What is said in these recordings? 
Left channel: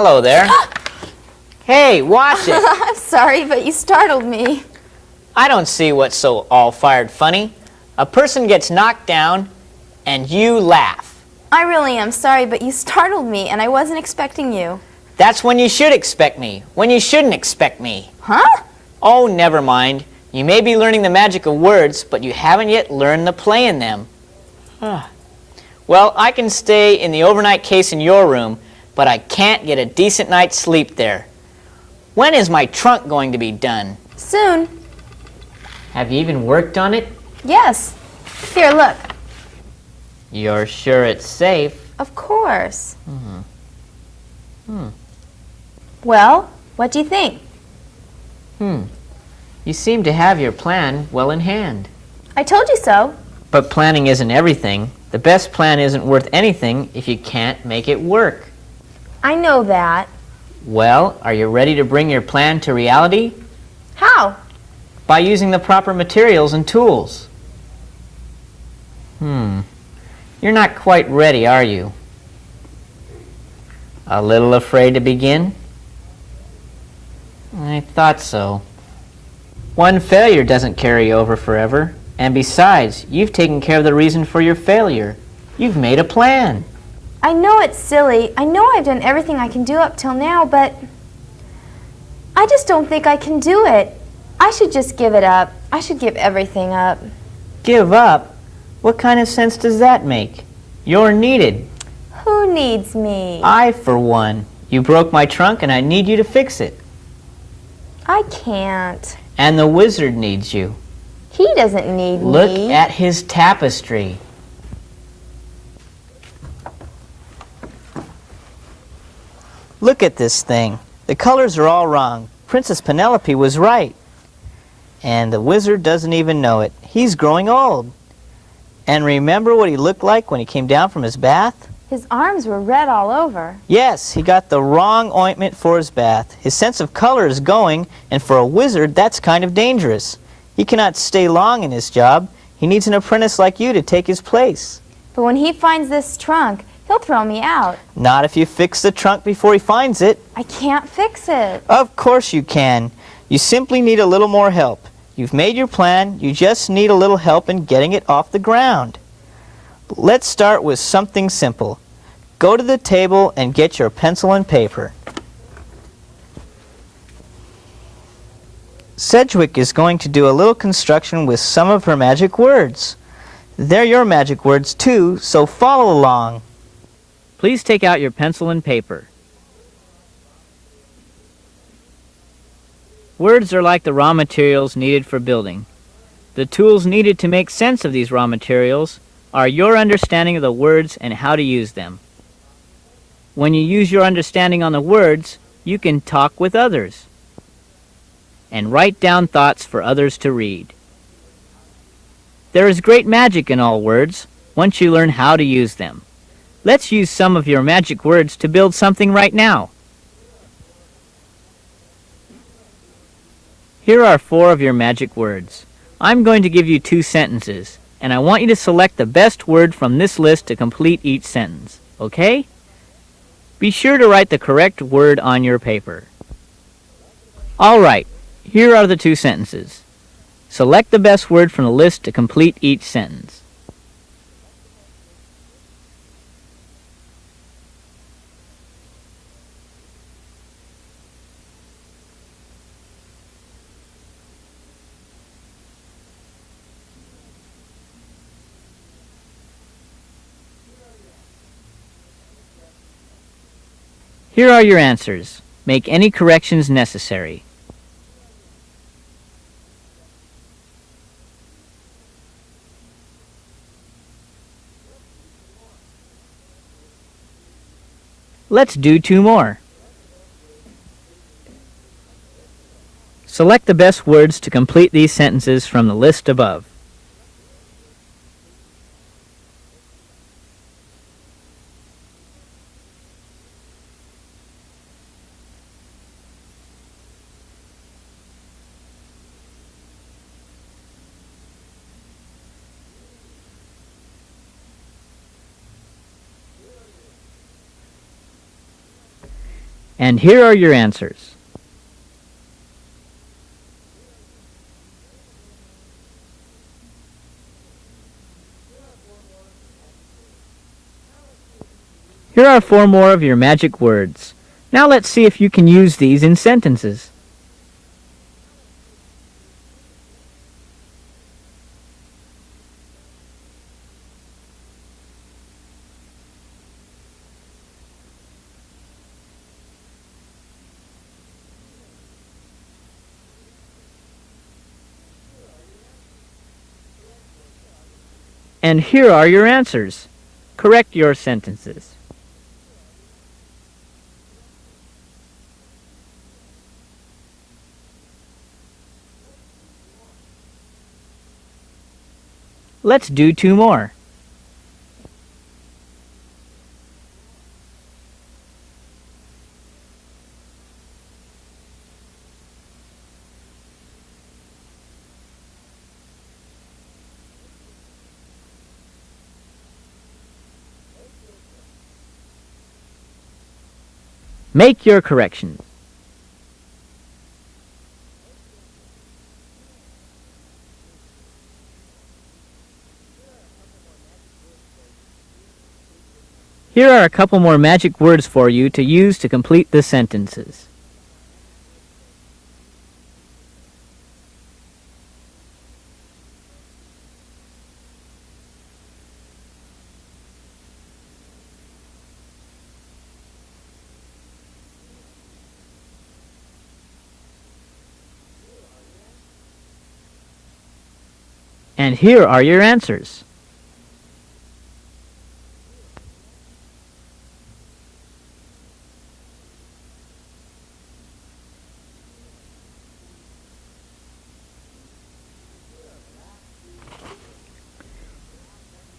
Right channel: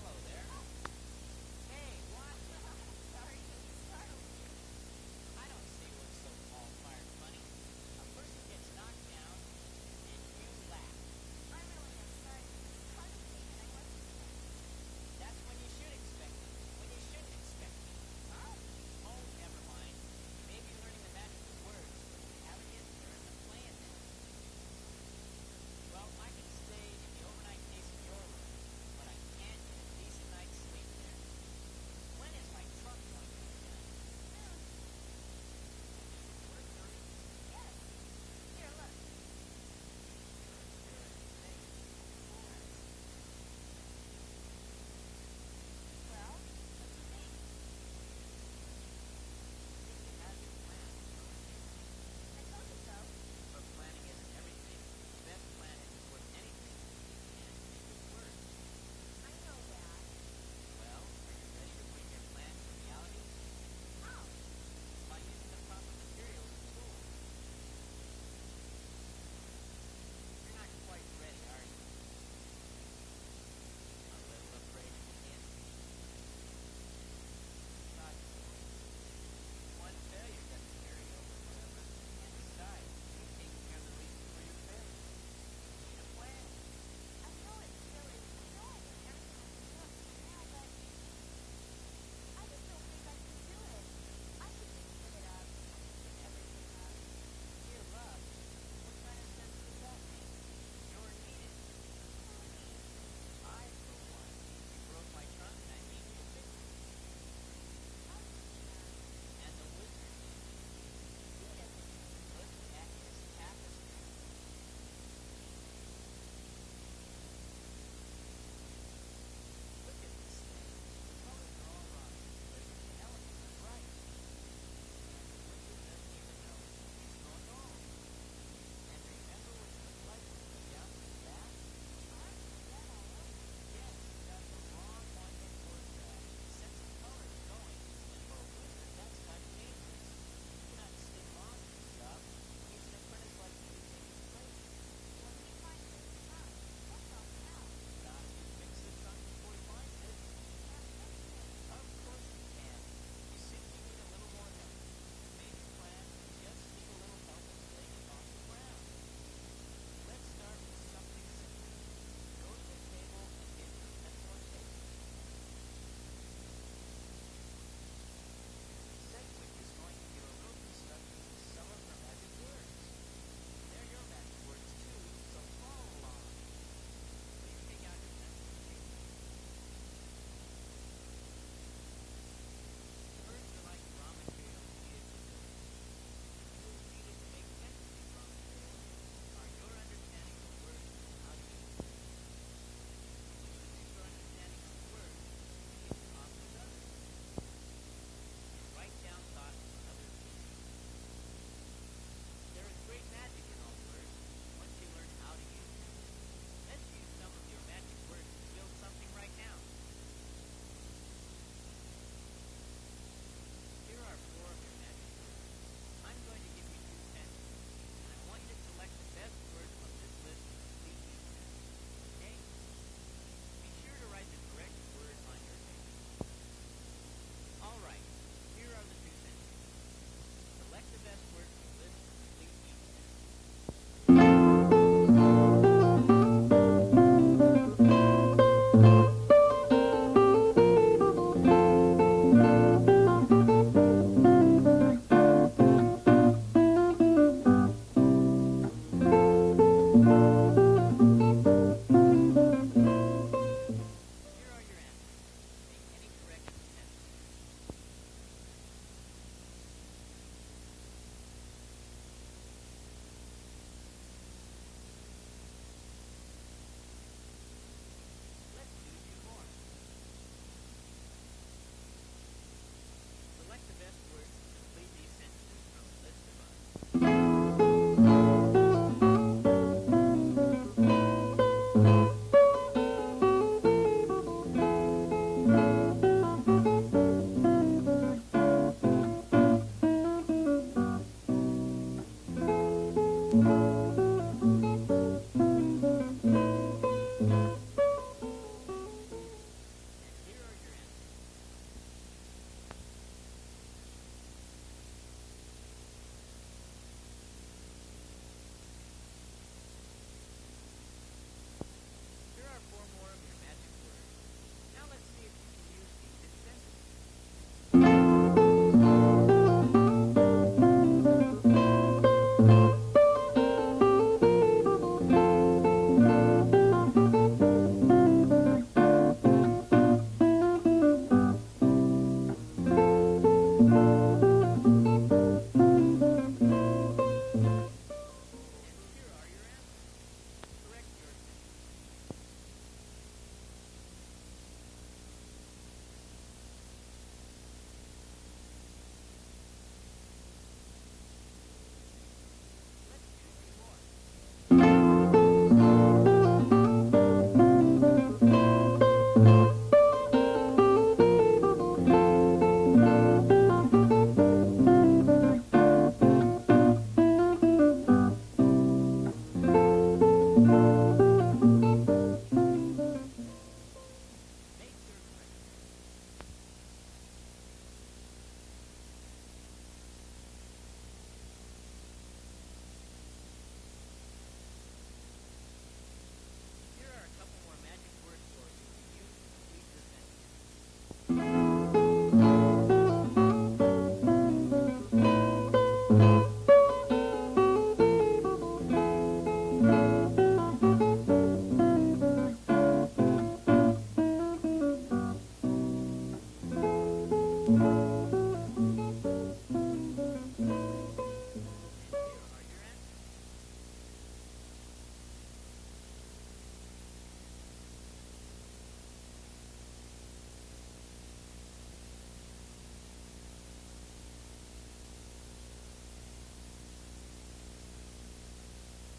Hello there. Hey, watch it. I'm sorry, but you startled me. I don't see what's so all-fired funny. A person gets knocked down, and you laugh. I really am sorry, but you startled me, and I wasn't expecting you. That's when you should expect me, when you shouldn't expect me. Huh? Oh, never mind. You may be learning the magic of words, but you haven't yet learned the play in them. Well, I can stay in the overnight case in your room, but I can't get a decent night's sleep there. When is my trunk going to be done? Soon. Have you even worked on it? Yes. Here, look. You're sure it's safe? Of course. Well, what do you think? You seem to have your plan well in hand. I told you so. But planning isn't everything. The best plan isn't worth anything if you can't make it work. I know that. Well, are you ready to bring your plan to reality? How? By using the proper materials and tools. You're not quite ready, are you? A little afraid to begin? I thought so. One failure doesn't carry over forever. And besides, you've taken care of the reason for your failure. You've made a plan. I know it's silly. I know I've done everything I can do up till now, but I just don't think I can do it. I should just give it up. I should give everything up. Give up? What kind of sense does that make? You're needed. Who needs me? I, for one. You broke my trunk and I need you to fix it. I can't. And the wizard needs you. He doesn't need Look me. at his tapestry. Look at this thing. The colors are all wrong. Princess Penelope was right. And the wizard doesn't even know it. He's growing old. And remember what he looked like when he came down from his bath? His arms were red all over. Yes, he got the wrong ointment for his bath. His sense of color is going, and for a wizard, that's kind of dangerous. He cannot stay long in his job. He needs an apprentice like you to take his place. But when he finds this trunk, he'll throw me out. Not if you fix the trunk before he finds it. I can't fix it. Of course you can. You simply need a little more help. You've made your plan. You just need a little help in getting it off the ground. Let's start with something simple. Go to the table and get your pencil and paper. Sedgwick is going to do a little construction with some of her magic words. They're your magic words too, so follow along. Please take out your pencil and paper. Words are like the raw materials needed for building. The tools needed to make sense of these raw materials are your understanding of the words and how to use them. When you use your understanding on the words, you can talk with others and write down thoughts for others to read. There is great magic in all words once you learn how to use them. Let's use some of your magic words to build something right now. Here are 4 of your magic words. I'm going to give you 2 sentences, and I want you to select the best word from this list to complete each sentence, okay? Be sure to write the correct word on your paper. All right, here are the 2 sentences. Select the best word from the list to complete each sentence. Here are your answers. Make any corrections necessary. Let's do 2 more. Select the best words to complete these sentences from the list above. And here are your answers. Here are 4 more of your magic words. Now let's see if you can use these in sentences. And here are your answers. Correct your sentences. Let's do 2 more. Make your corrections. Here are a couple more magic words for you to use to complete the sentences. And here are your answers.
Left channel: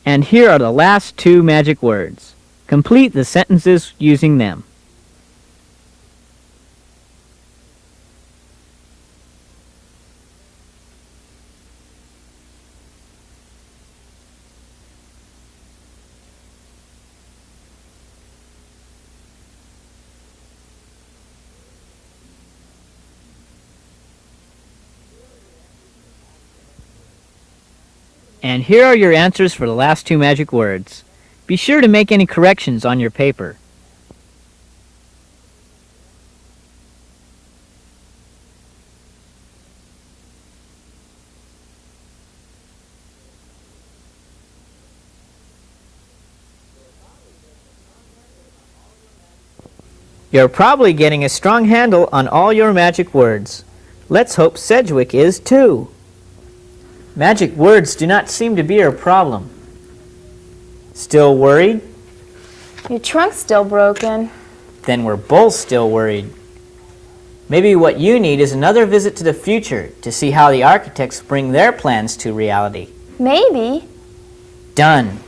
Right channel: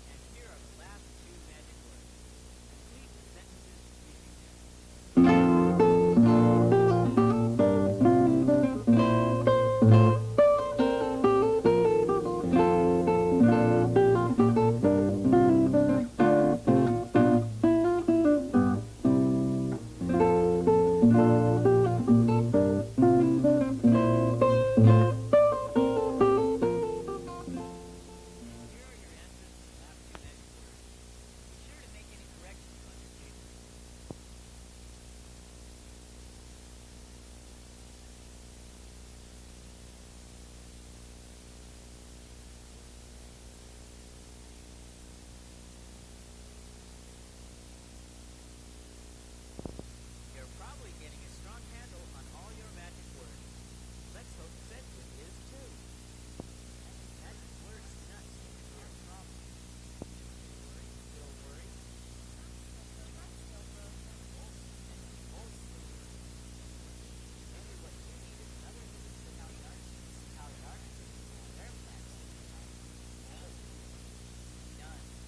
And here are the last 2 magic words. Complete the sentences using them. And here are your answers for the last 2 magic words. Be sure to make any corrections on your paper. You're probably getting a strong handle on all your magic words. Let's hope Sedgwick is too. Magic words do not seem to be your problem. Still worried? Your trunk's still broken. Then we're both still worried. Maybe what you need is another visit to the future to see how the architects bring their plans to reality. Maybe. Done.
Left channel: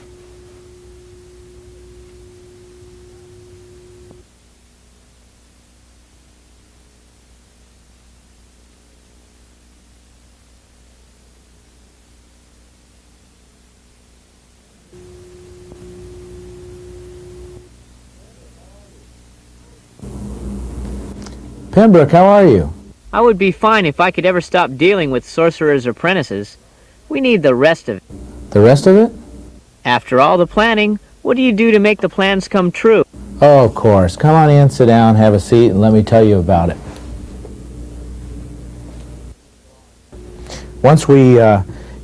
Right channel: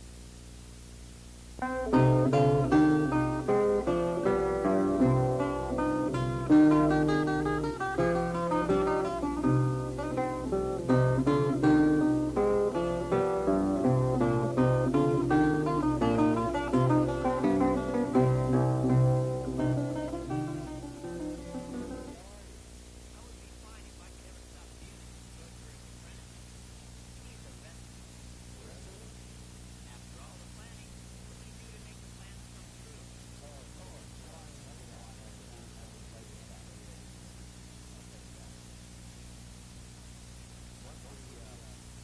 Pembroke, how are you? I would be fine if I could ever stop dealing with sorcerers' apprentices. We need the rest of it. The rest of it? After all the planning, what do you do to make the plans come true? Oh, of course. Come on in, sit down, have a seat, and let me tell you about it. Once we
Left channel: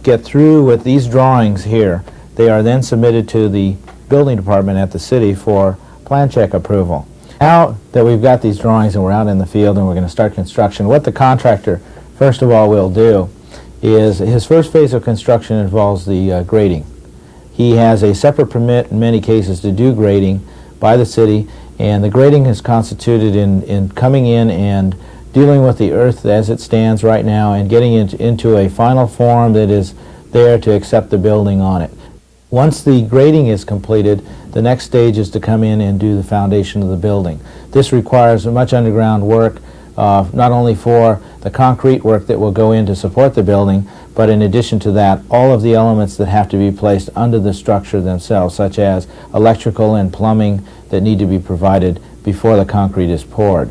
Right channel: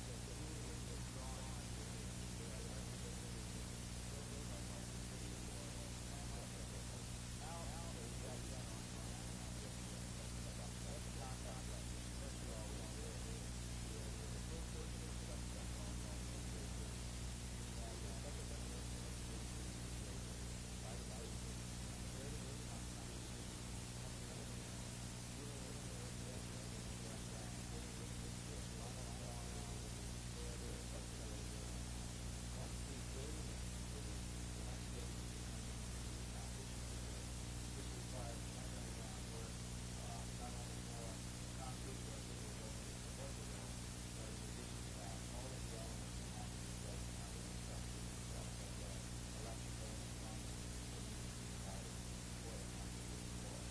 get through with these drawings here, they are then submitted to the building department at the city for plan check approval. Now that we've got these drawings and we're out in the field and we're going to start construction, what the contractor first of all will do is his first phase of construction involves the grading. He has a separate permit in many cases to do grading by the city, and the grading is constituted in coming in and dealing with the earth as it stands right now and getting it into a final form that is there to accept the building on it. Once the grading is completed, the next stage is to come in and do the foundation of the building. This requires much underground work, not only for the concrete work that will go in to support the building, but in addition to that, all of the elements that have to be placed under the structure themselves, such as electrical and plumbing that need to be provided before the concrete is poured.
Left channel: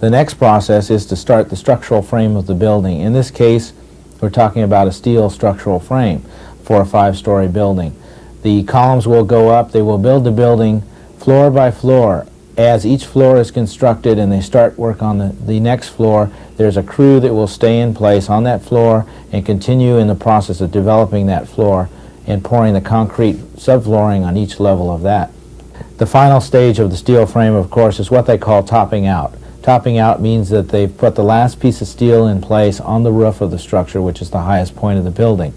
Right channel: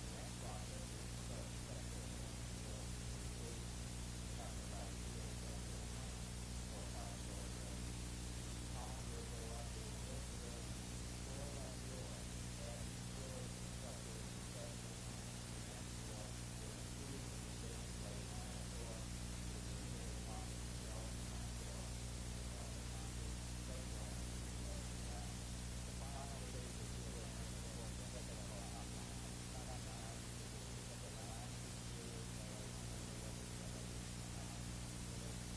The next process is to start the structural frame of the building. In this case, we're talking about a steel structural frame for a 5-story building. The columns will go up. They will build the building floor by floor. As each floor is constructed and they start work on the next floor, there's a crew that will stay in place on that floor and continue in the process of developing that floor and pouring the concrete subflooring on each level of that. The final stage of the steel frame, of course, is what they call topping out. Topping out means that they've put the last piece of steel in place on the roof of the structure, which is the highest point of the building.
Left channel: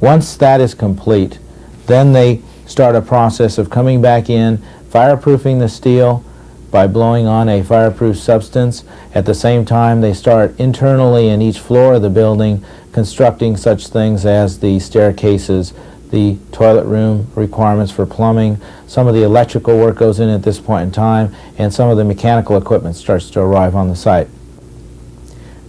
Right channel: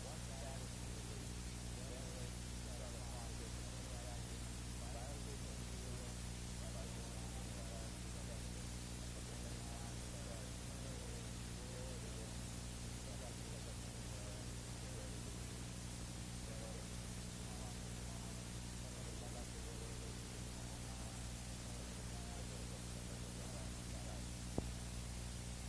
Once that is complete, then they start a process of coming back in, fireproofing the steel by blowing on a fireproof substance. At the same time, they start internally in each floor of the building constructing such things as the staircases, the toilet room requirements for plumbing. Some of the electrical work goes in at this point in time, and some of the mechanical equipment starts to arrive on the site.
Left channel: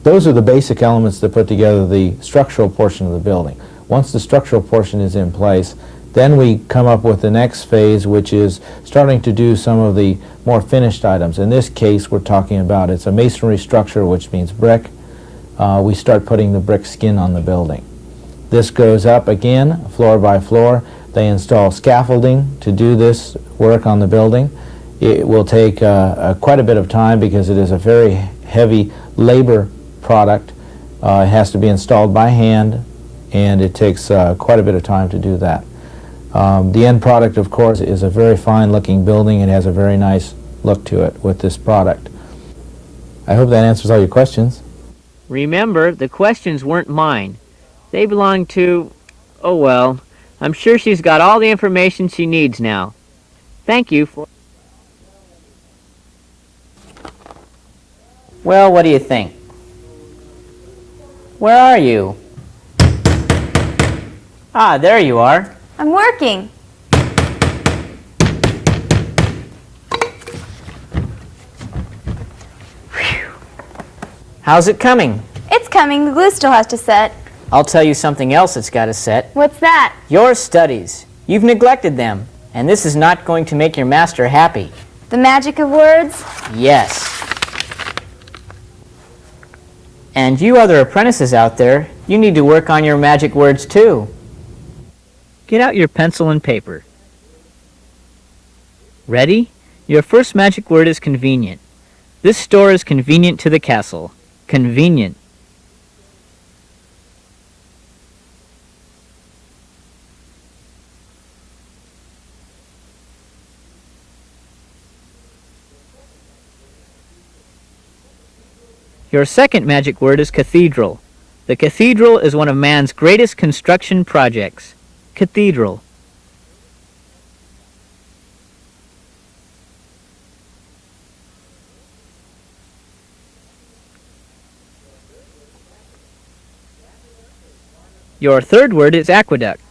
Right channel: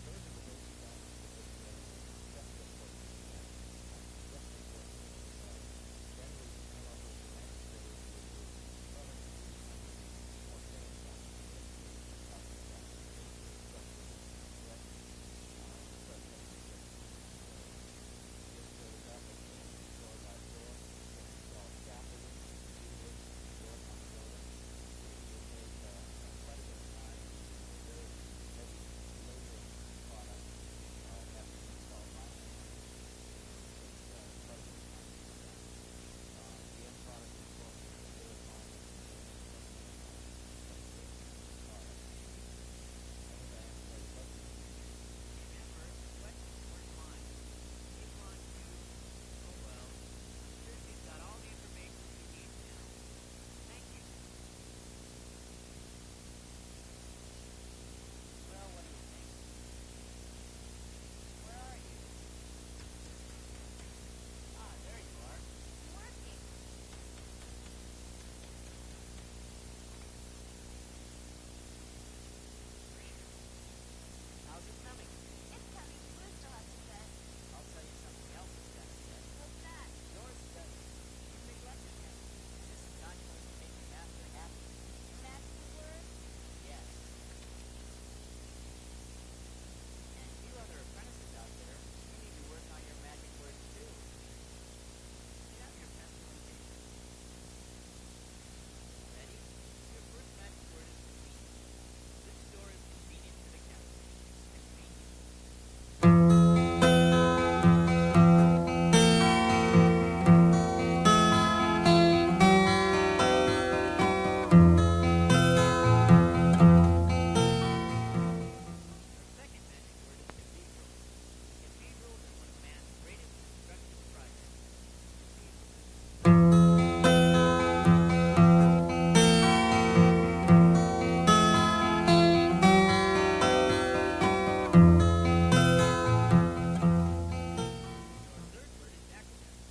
Those are the basic elements that put together the structural portion of the building. Once the structural portion is in place, then we come up with the next phase, which is starting to do some of the more finished items. In this case, we're talking about it's a masonry structure, which means brick. We start putting the brick skin on the building. This goes up again, floor by floor. They install scaffolding to do this work on the building. It will take quite a bit of time because it is a very heavy labor product. It has to be installed by hand, and it takes quite a bit of time to do that. The end product, of course, is a very fine-looking building. It has a very nice look to it with this product. I hope that answers all your questions. Remember, the questions weren't mine. They belong to... oh well, I'm sure she's got all the information she needs now. Thank you for... Well, what do you think? Where are you? Ah, there you are. I'm working. How's it coming? It's coming. The glue still has to set. I'll tell you something else that's got to set. What's that? Your studies. You've neglected them, and this is not going to make your master happy. The magic of words? Yes. And you other apprentices out there, you need to work on your magic words too. Get out your pencil and paper. Ready? Your first magic word is convenient. This store is convenient to the castle. Convenient. Your second magic word is cathedral. The cathedral is one of man's greatest construction projects. Cathedral. Your third word is aqueduct.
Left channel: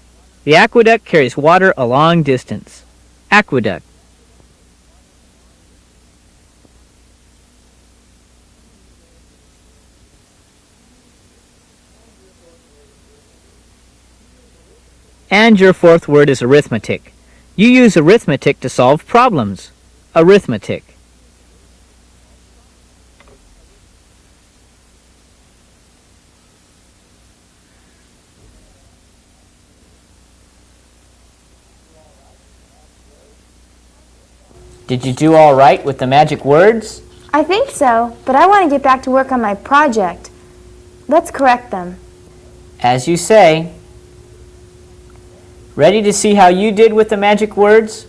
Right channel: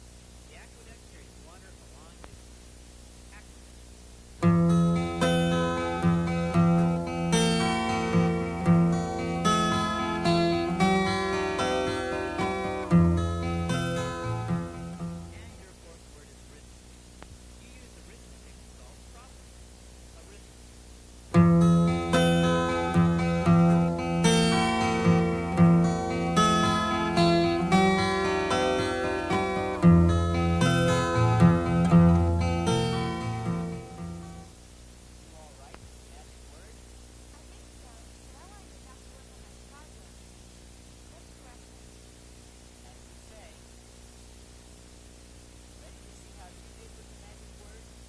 The aqueduct carries water a long distance. Aqueduct. And your fourth word is arithmetic. You use arithmetic to solve problems. Arithmetic. Did you do all right with the magic words? I think so, but I want to get back to work on my project. Let's correct them. As you say. Ready to see how you did with the magic words?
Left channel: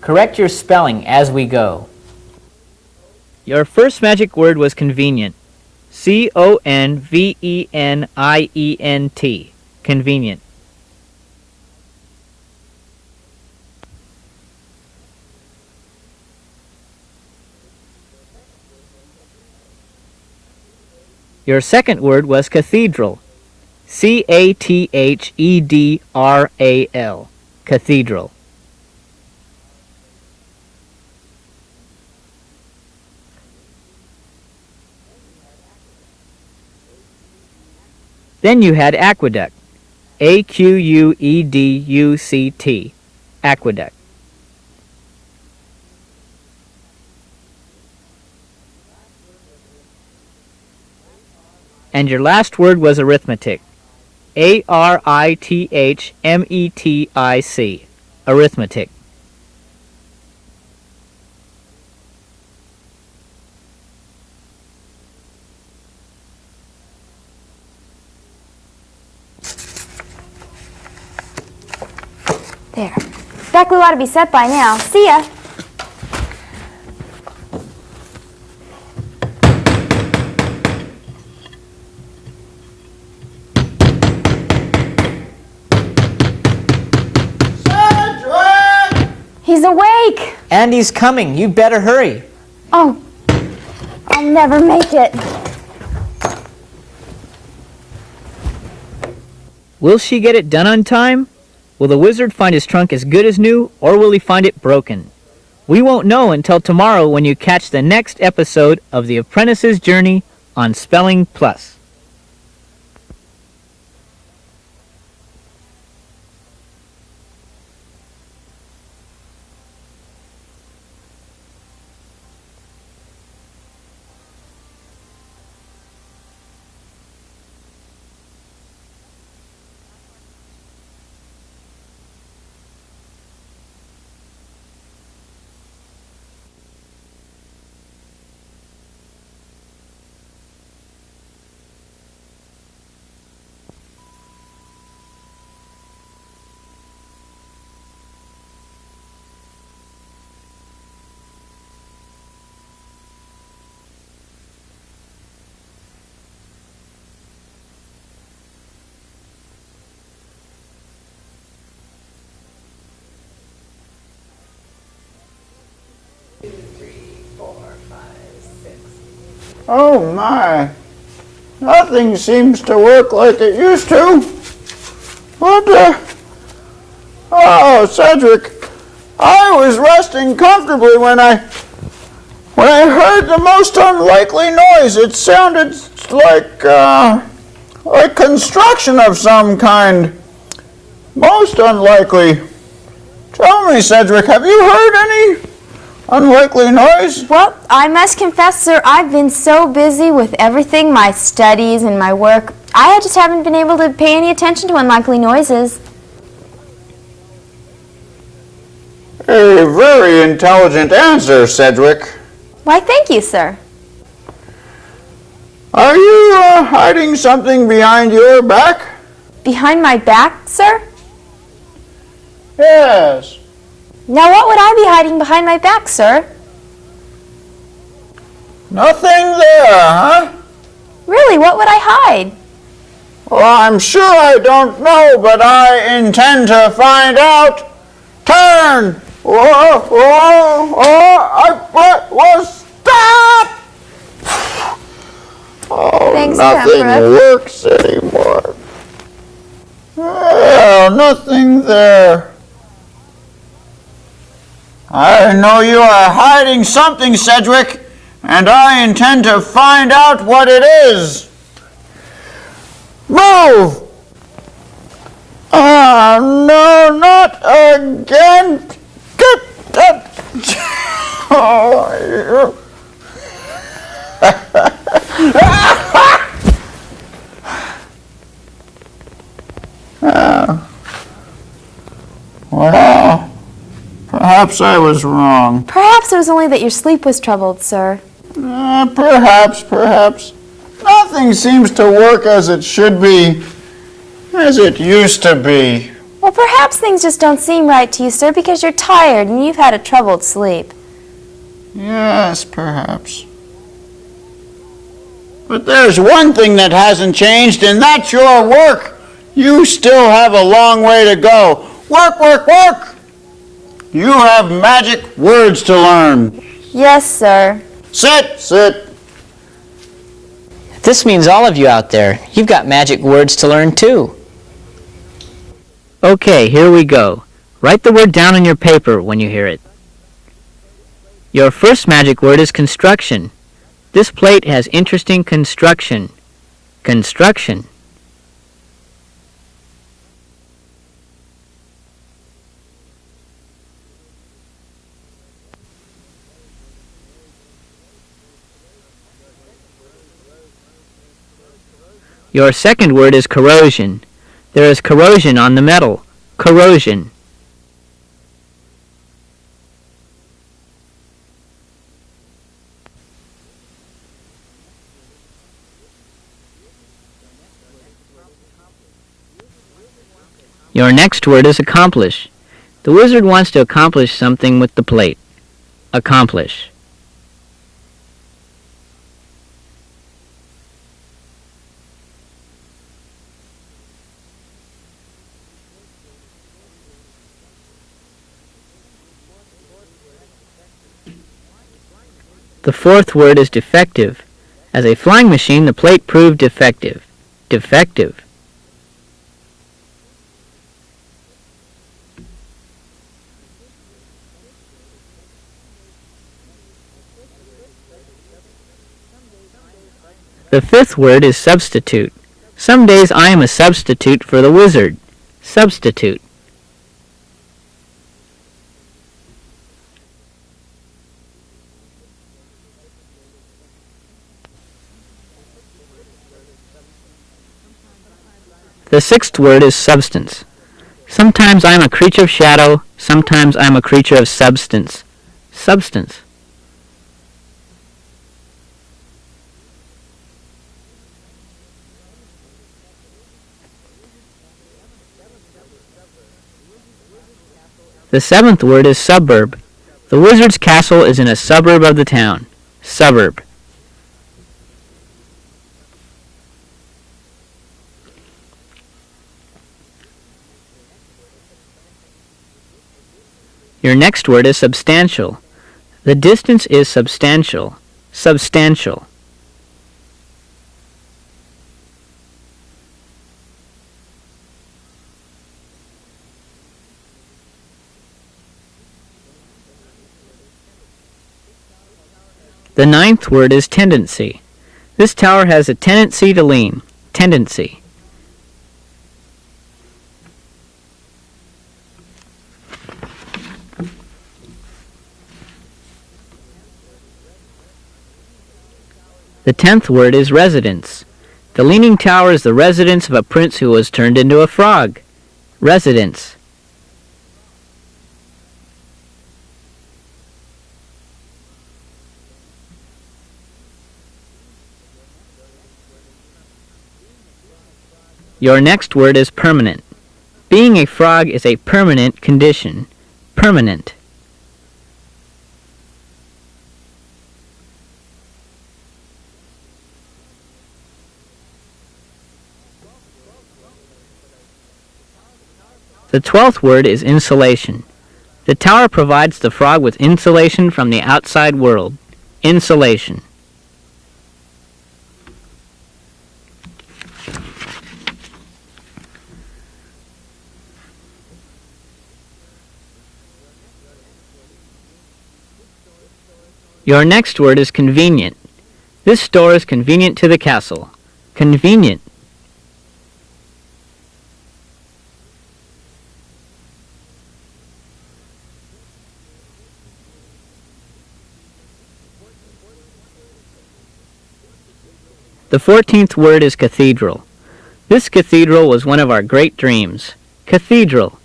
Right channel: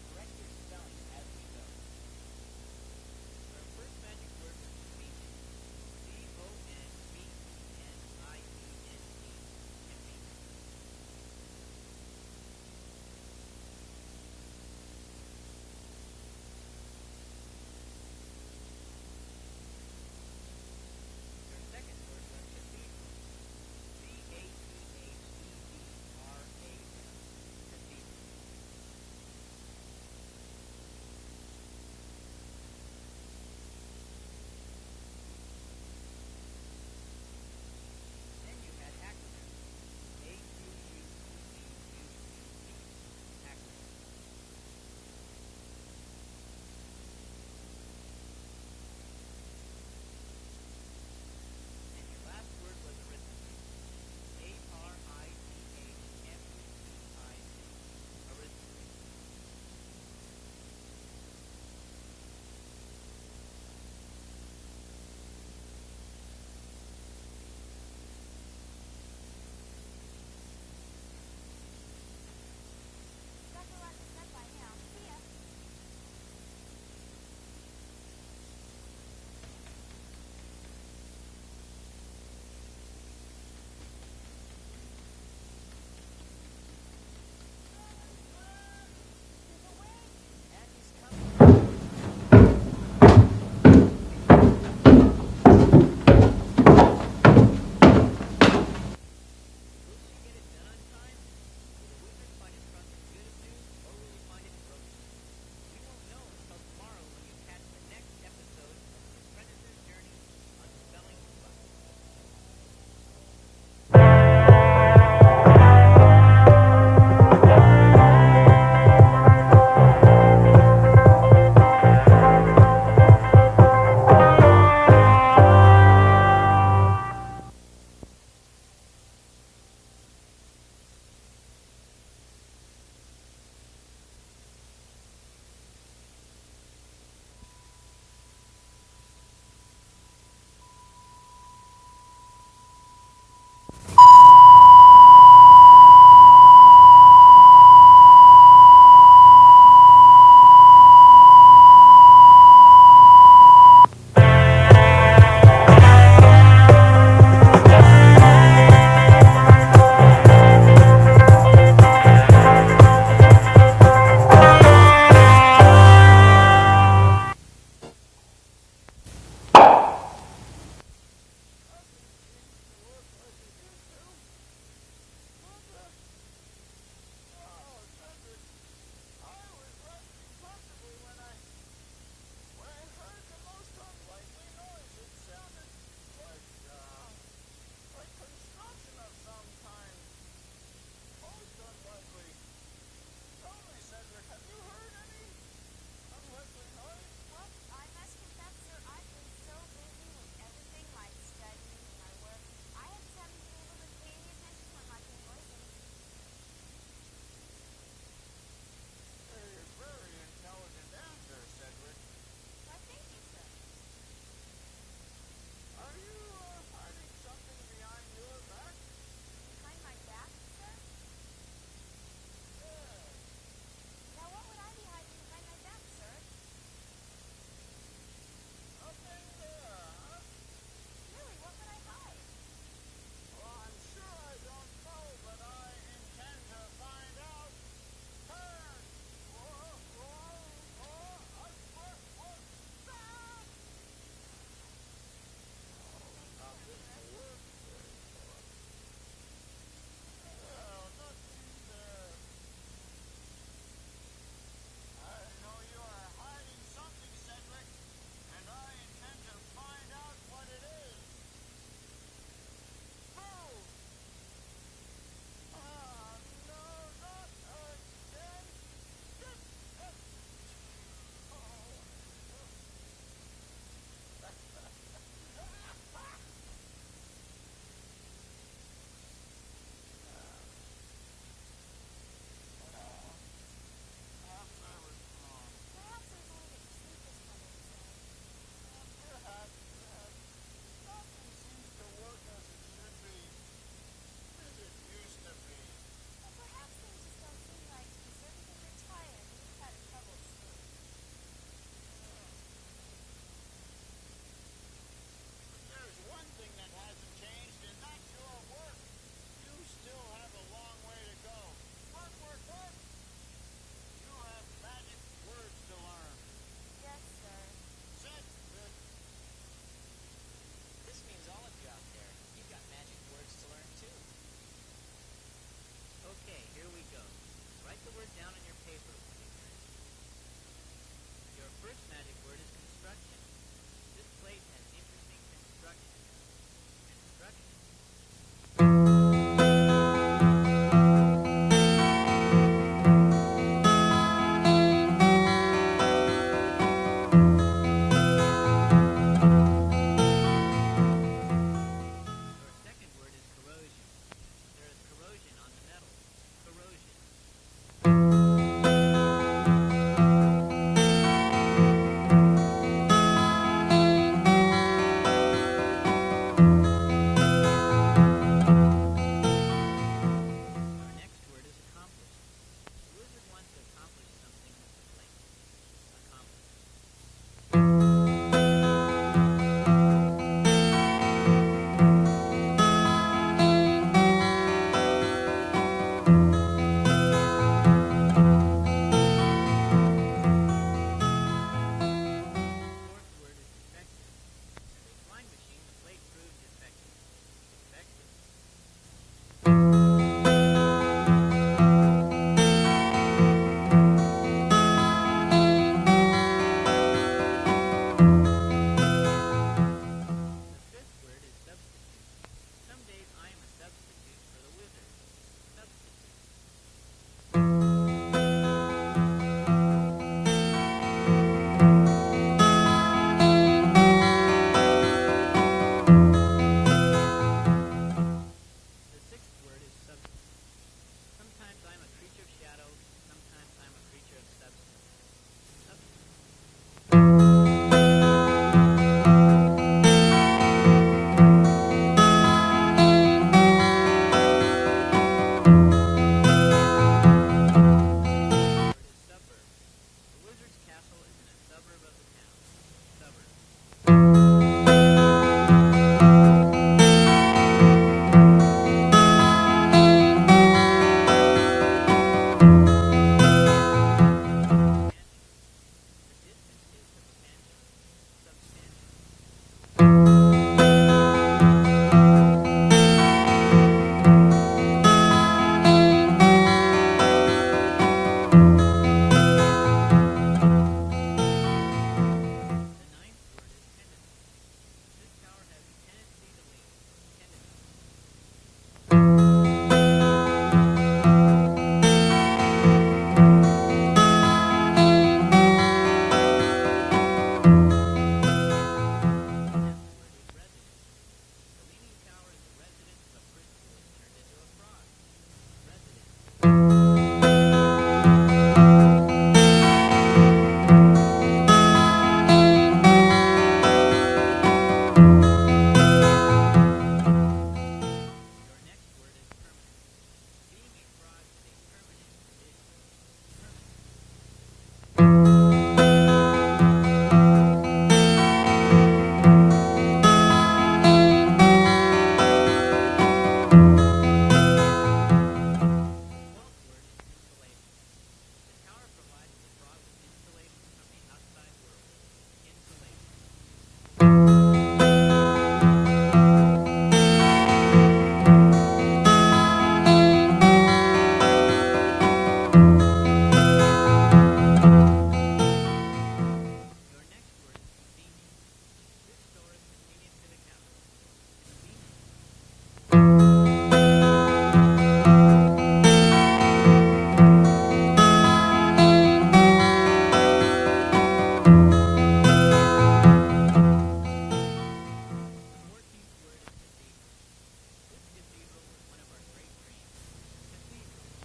Correct your spelling as we go. Your first magic word was convenient. C-O-N-V-E-N-I-E-N-T. Convenient. Your second word was cathedral. C-A-T-H-E-D-R-A-L. Cathedral. Then you had aqueduct. A-Q-U-E-D-U-C-T. Aqueduct. And your last word was arithmetic. A-R-I-T-H-M-E-T-I-C. Arithmetic. There. That glue ought to be set by now. See ya. Cedric! He's awake. Andy's coming. You'd better hurry. Oh, I'll never make it. Will she get it done on time? Will the wizard find his trunk as good as new, or will he find it broken? We won't know until tomorrow when you catch the next episode of The Apprentice's Journey on Spelling Plus. Oh my, nothing seems to work like it used to. Oh, Cedric, I was resting comfortably when I heard the most unlikely noise. It sounded like construction of some kind. Most unlikely. Tell me, Cedric, have you heard any unlikely noise? Well, I must confess, sir, I've been so busy with everything, my studies and my work, I just haven't been able to pay any attention to unlikely noises. A very intelligent answer, Cedric. Why, thank you, sir. Are you hiding something behind your back? Behind my back, sir? Yes. Now, what would I be hiding behind my back, sir? Nothing there, huh? Really, what would I hide? Well, I'm sure I don't know, but I intend to find out. Turn! Whoa, whoa, whoa, stop! Oh, Thanks, nothing Pepper. works anymore. Well, nothing there. I know you are hiding something, Cedric, and I intend to find out what it is. Move! No, not again. Get that. Oh, well, perhaps I was wrong. Perhaps it was only that your sleep was troubled, sir. Perhaps. Nothing seems to work as it should be, as it used to be. Well, perhaps things just don't seem right to you, sir, because you're tired and you've had a troubled sleep. Yes, perhaps. But there's one thing that hasn't changed, and that's your work. You still have a long way to go. Work, work, work! You have magic words to learn. Yes, sir. Sit. This means all of you out there. You've got magic words to learn too. Okay, here we go. Write the word down on your paper when you hear it. Your first magic word is construction. This plate has interesting construction. Construction. Your second word is corrosion. There is corrosion on the metal. Corrosion. Your next word is accomplish. The wizard wants to accomplish something with the plate. Accomplish. The fourth word is defective. As a flying machine, the plate proved defective. Defective. The fifth word is substitute. Some days I am a substitute for the wizard. Substitute. The sixth word is substance. Sometimes I am a creature of shadow, sometimes I am a creature of substance. Substance. The seventh word is suburb. The wizard's castle is in a suburb of the town. Suburb. Your next word is substantial. The distance is substantial. Substantial. The ninth word is tendency. This tower has a tendency to lean. Tendency. The 10th word is residence. The Leaning Tower is the residence of a prince who was turned into a frog. Residence. Your next word is permanent. Being a frog is a permanent condition. Permanent. The 12th word is insulation. The tower provides the frog with insulation from the outside world. Insulation. Your next word is convenient. This store is convenient to the castle. Convenient. The 14th word is cathedral. This cathedral was one of our great dreams. Cathedral.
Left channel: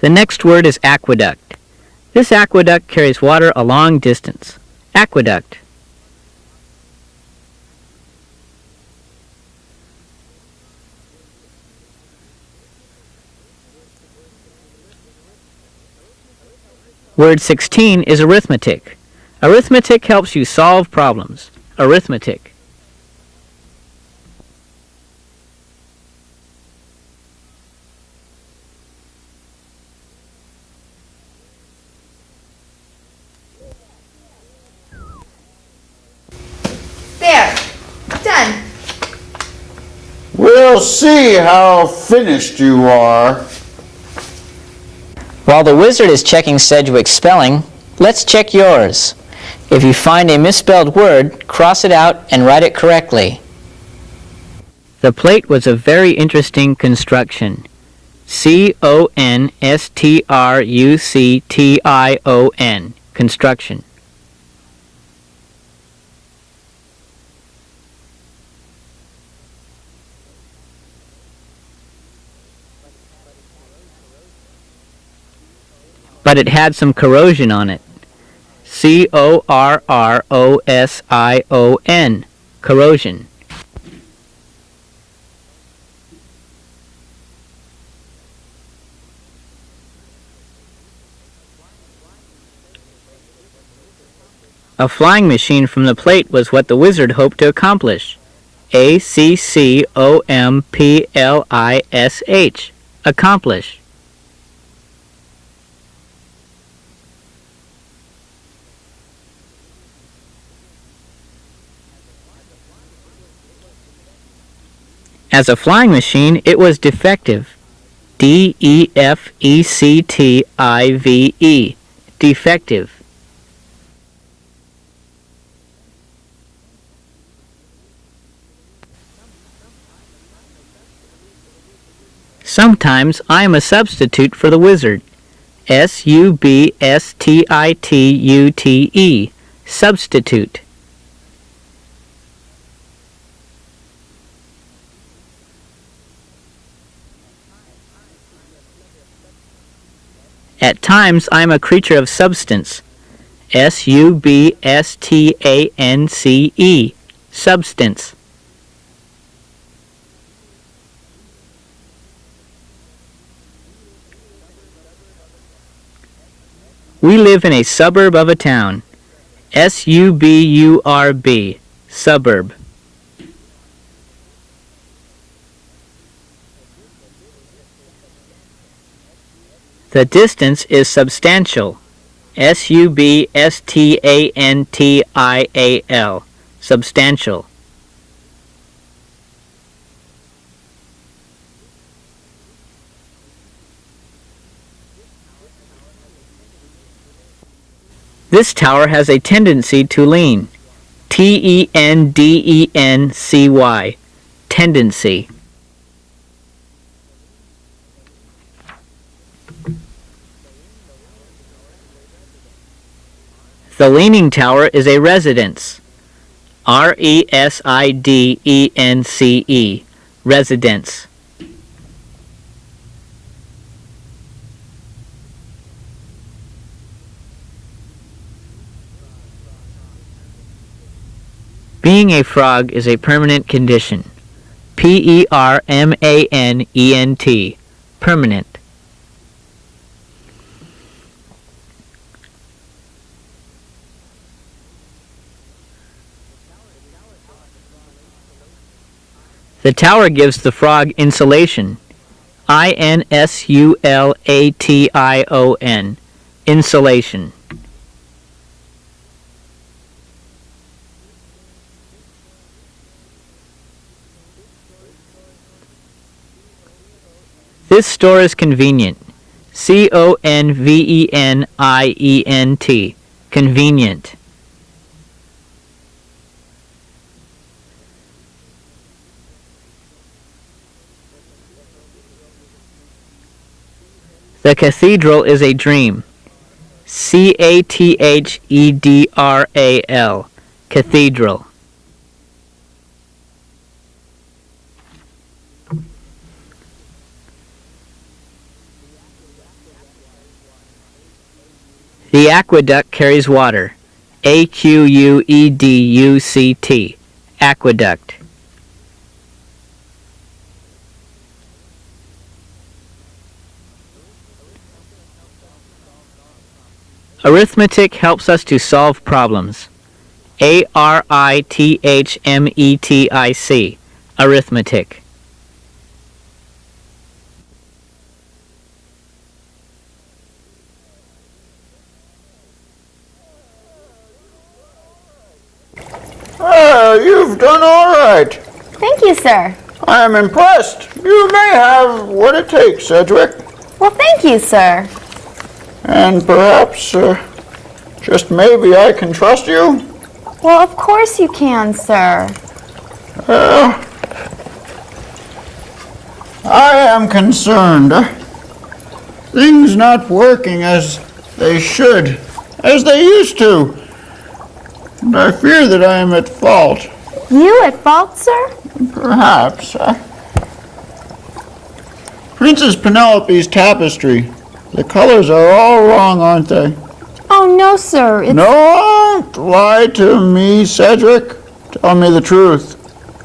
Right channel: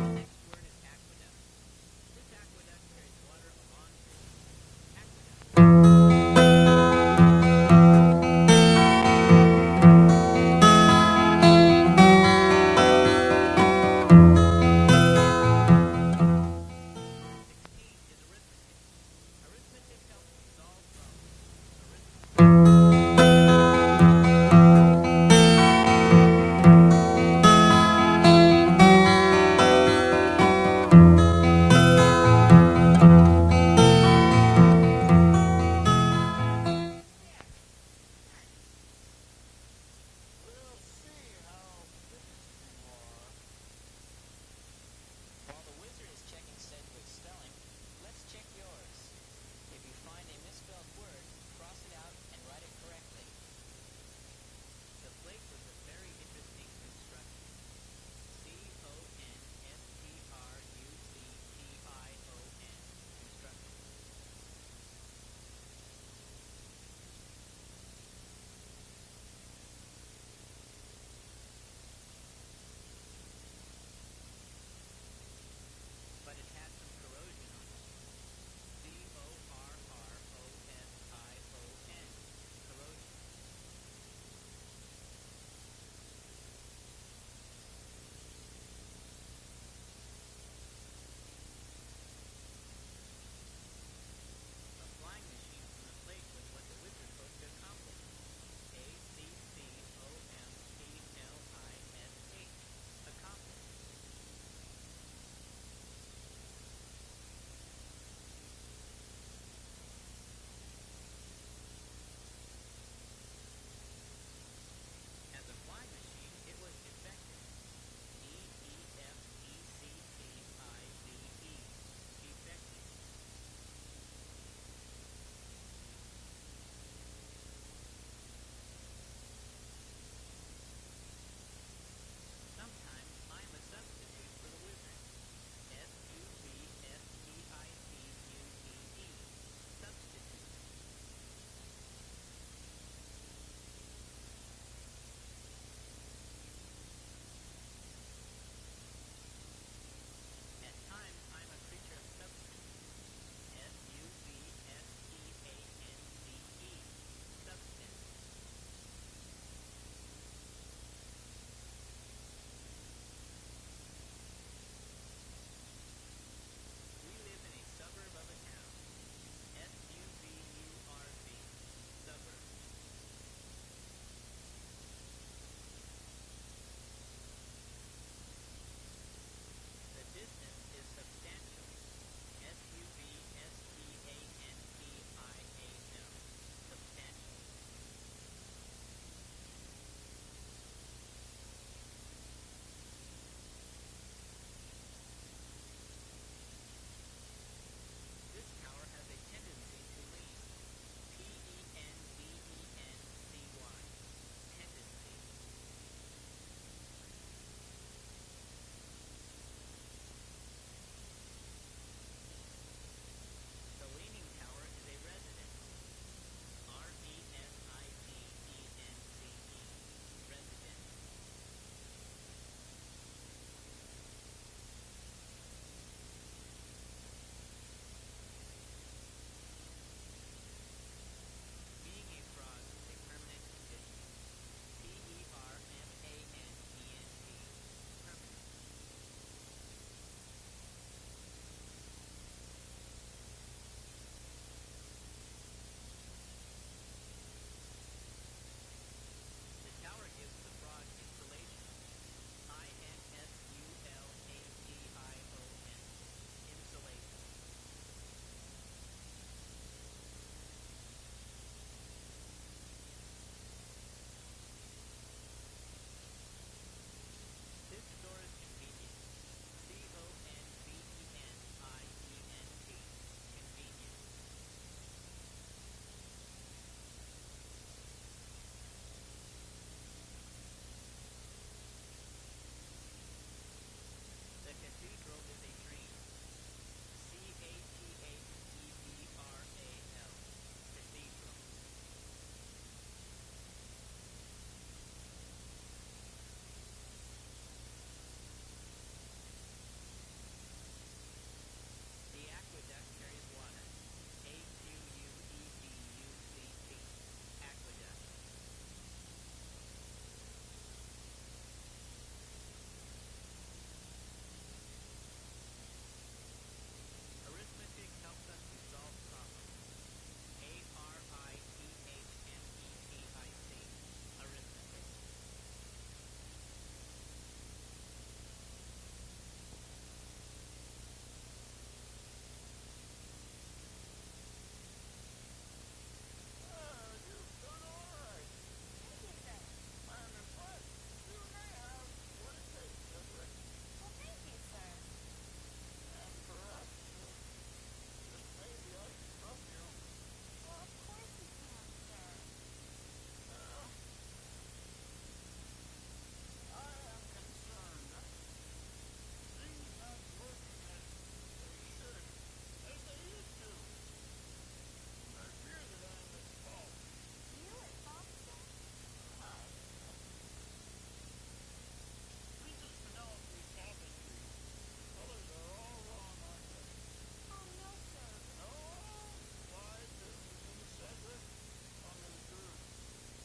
The next word is aqueduct. This aqueduct carries water a long distance. Aqueduct. Word 16 is arithmetic. Arithmetic helps you solve problems. Arithmetic. There. Done. We'll see how finished you are. While the wizard is checking Sedgwick's spelling, let's check yours. If you find a misspelled word, cross it out and write it correctly. The plate was a very interesting construction. Construction. Construction. But it had some corrosion on it. Corrosion. Corrosion. A flying machine from the plate was what the wizard hoped to accomplish. Accomplish. Accomplish. As a flying machine, it was defective. Defective. Defective. Sometimes I am a substitute for the wizard. Substitute. Substitute. At times I am a creature of substance. Substance. Substance. We live in a suburb of a town. Suburb. Suburb. The distance is substantial. Substantial. Substantial. This tower has a tendency to lean. Tendency. Tendency. The leaning tower is a residence. Residence. Residence. Being a frog is a permanent condition. Permanent. Permanent. The tower gives the frog insulation. Insulation. Insulation. This store is convenient. Convenient. Convenient. The cathedral is a dream. Cathedral. Cathedral. The aqueduct carries water. Aqueduct. Aqueduct. Arithmetic helps us to solve problems. Arithmetic. Arithmetic. You've done all right. Thank you, sir. I am impressed. You may have what it takes, Sedgwick. Well, thank you, sir. And perhaps, just maybe I can trust you? Well, of course you can, sir. I am concerned. things not working as they should, as they used to. And I fear that I am at fault. You at fault, sir? Perhaps. Princess Penelope's tapestry. The colors are all wrong, aren't they? Oh, no, sir. It's... Don't lie to me, Cedric. Tell me the truth.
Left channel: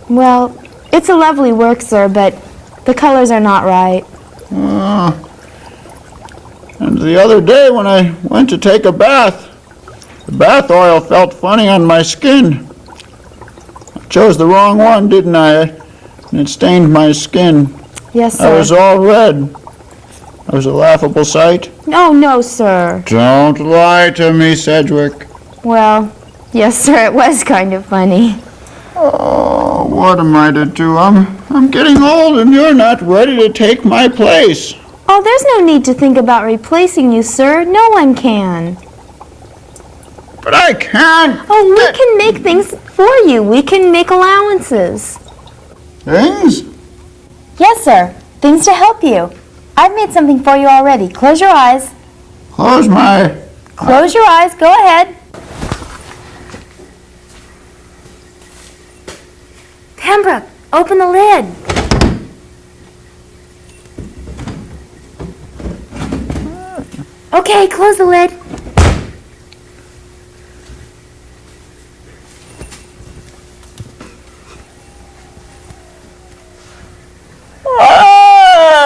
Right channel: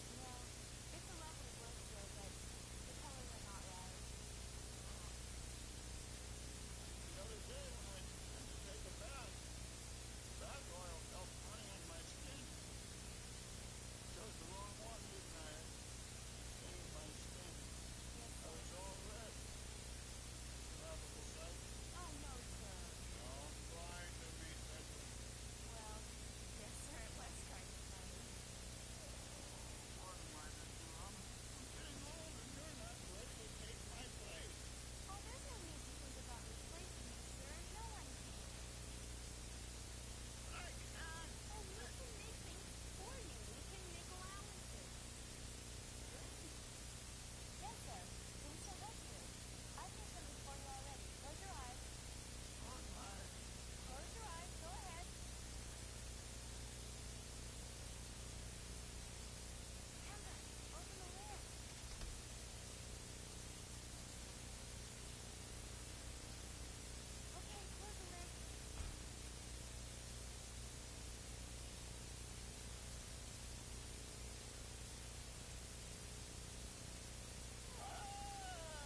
Well, it's a lovely work, sir, but the colors are not right. And the other day when I went to take a bath, the bath oil felt funny on my skin. I chose the wrong one, didn't I? And it stained my skin. Yes, I sir. was all red. I was a laughable sight. Oh, no, sir. Don't lie to me, Cedric. Well, yes, sir, it was kind of funny. Oh, what am I to do? I'm getting old and you're not ready to take my place. Oh, there's no need to think about replacing you, sir. No one can. But I can't. Oh, we can make things for you. We can make allowances. Things? Yes, sir. Things to help you. I've made something for you already. Close your eyes. Close my... Close your eyes. Go ahead. Pembroke, open the lid. Okay, close the lid. Oh!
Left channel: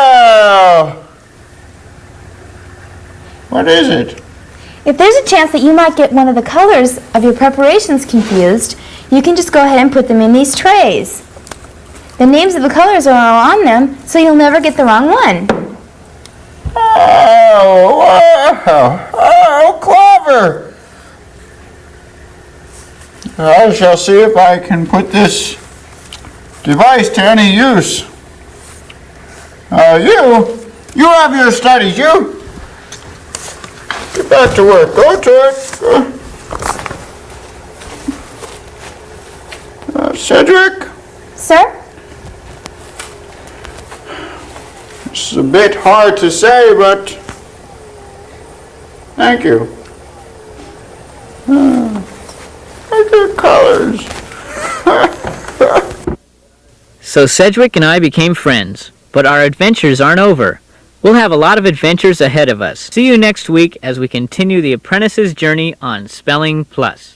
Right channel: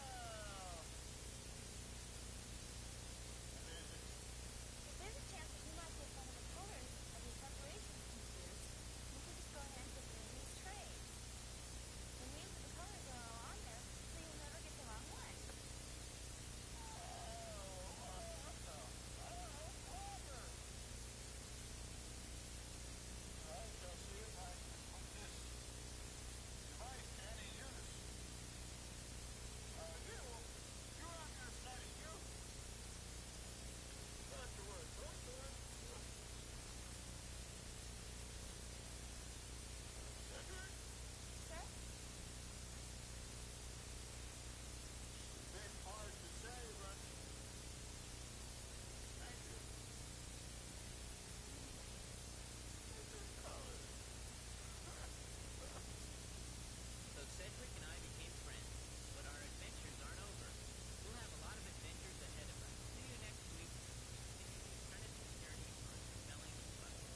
What is it? If there's a chance that you might get one of the colors of your preparations confused, you can just go ahead and put them in these trays. The names of the colors are on them, so you'll never get the wrong one. Oh, wow. Oh, clever. I shall see if I can put this device to any use. You have your studies, you. Get back to work. Go to it. Cedric? Sir? It's a bit hard to say, but thank you. Good colors. So Cedric and I became friends, but our adventures aren't over. We'll have a lot of adventures ahead of us. See you next week as we continue the apprentice's journey on Spelling Plus.